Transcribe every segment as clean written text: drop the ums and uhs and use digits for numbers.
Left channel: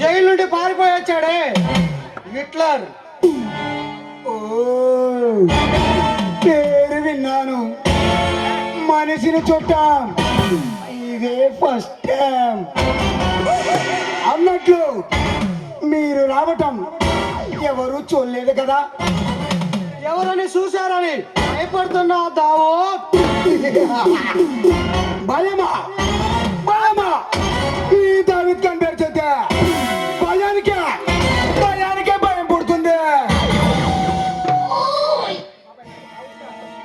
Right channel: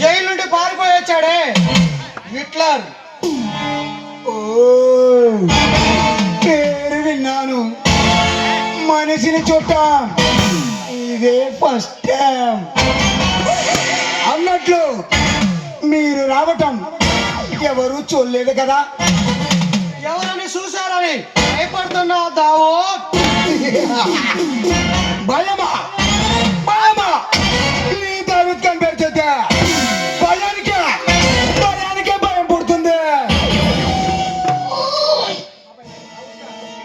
Jail నుండి పారిపోయి వచ్చాడే హిట్లర్. ఓ పేరు విన్నాను, మనిషిని చూడటం ఇదే ఫస్ట్ టైం. అన్నట్లు మీరు రావటం ఎవరు చూడలేదు కదా. ఎవరని చూశారని భయపడుతున్నా దావో. భయమా భయమా ఈ దావత్ కంపేర్ చేస్తే భయానికే భయం పుడుతుంది.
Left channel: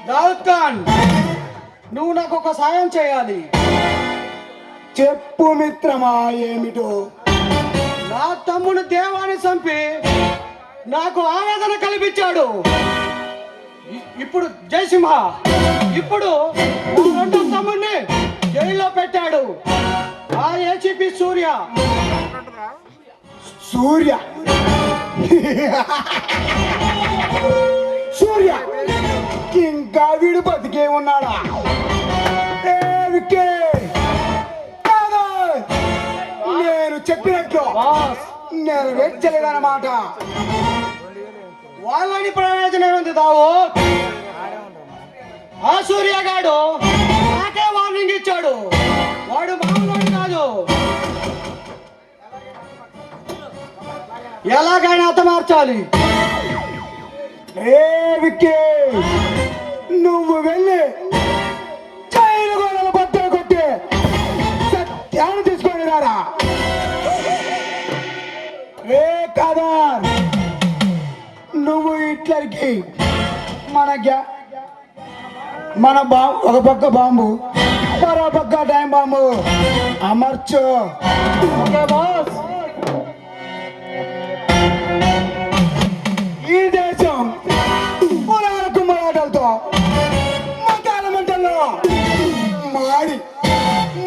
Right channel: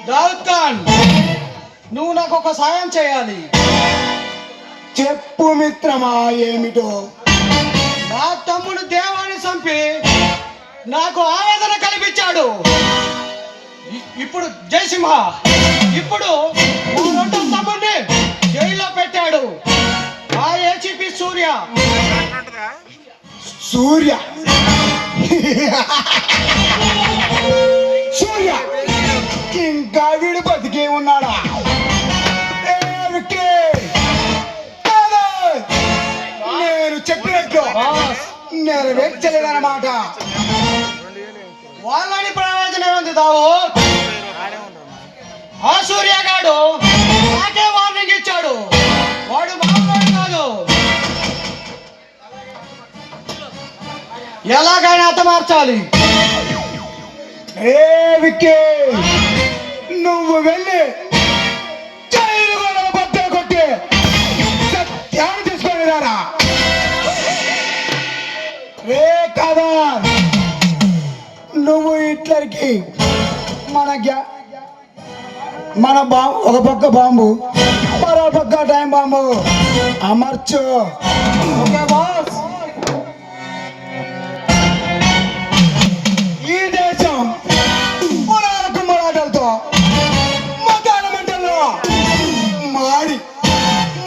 దావుద్ ఖాన్, నువ్వు నాకు ఒక సాయం చేయాలి. చెప్పు మిత్రమా, ఏమిటో? నా తమ్ముడు దేవాన్ని చంపి నాకు ఆవేదన కల్పించాడు. ఇప్పుడు జయసింహ ఇప్పుడు నా రెండో తమ్ముడిని జైల్లో పెట్టాడు. ఆ ఏసీపీ సూర్య సూర్య సూర్య ఇంకా వీడు బతికే ఉన్నాడా? నేను చెప్పినట్లు నెరవేర్చలేదన్నమాట. వాళ్ళని ప్రయోజనం ఉంది దావు. ఆ సూర్యగాడు నాకే వార్నింగ్ ఇచ్చాడు. వాడు మామూలు కాదు. ఎలాగైనా హతమార్చాలి. నువ్వు వెళ్ళి జైలు వాళ్ళ బద్దలు కొట్టి సత్యాన్ని తీసుకొని రారా. రే కాదా, నువ్వు హిట్లర్కి మన బాంబు, ఒక పక్క బాంబు మరో పక్క టైం బాంబు అమర్చు. ఈ దేశం పురాణకు మరాఠాలతో మతాల మంటల్లో మాడి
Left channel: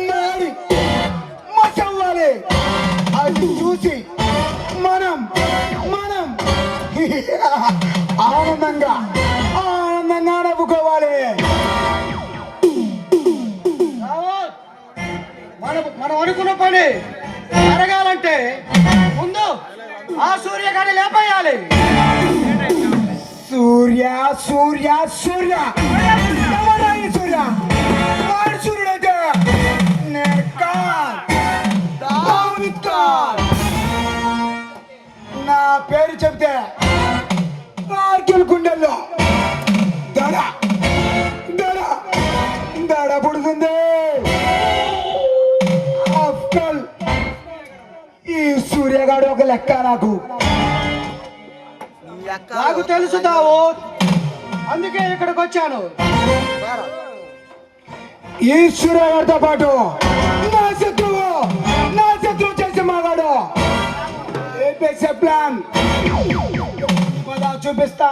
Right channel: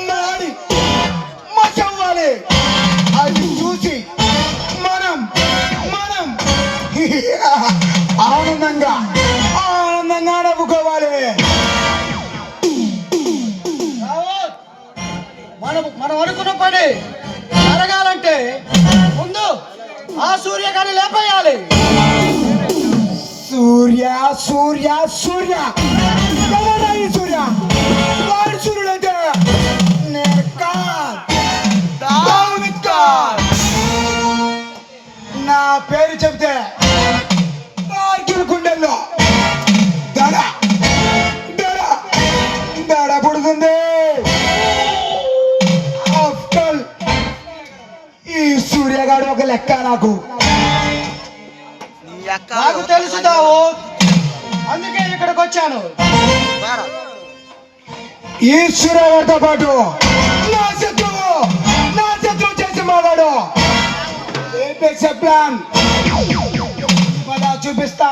మాడి మచవ్వాలి. అది చూసి మనం మనం ఆనందంగా నవ్వుకోవాలి. మనం అనుకున్న పని జరగాలంటే ముందు ఆ సూర్యగాని లేపేయాలి. సూర్య సూర్య సూర్య ఎవరా ఈ సూర్య? వాడు సూర్యుడైతే నేను దావూద్ ఖాన్. నా పేరు చెప్తే వారికి గుండెల్లో దడ దడ దడ పుడుతుంది. అఫ్కల్ ఈ సూర్యగాడు ఒక లెక్క నాకు. నాకు తెలుసు దావు, అందుకే ఇక్కడికి వచ్చాను. ఈ సూర్యగాడితో పాటు నా శత్రువు చేసి మావాడు ప్లాన్ చూపిస్తా.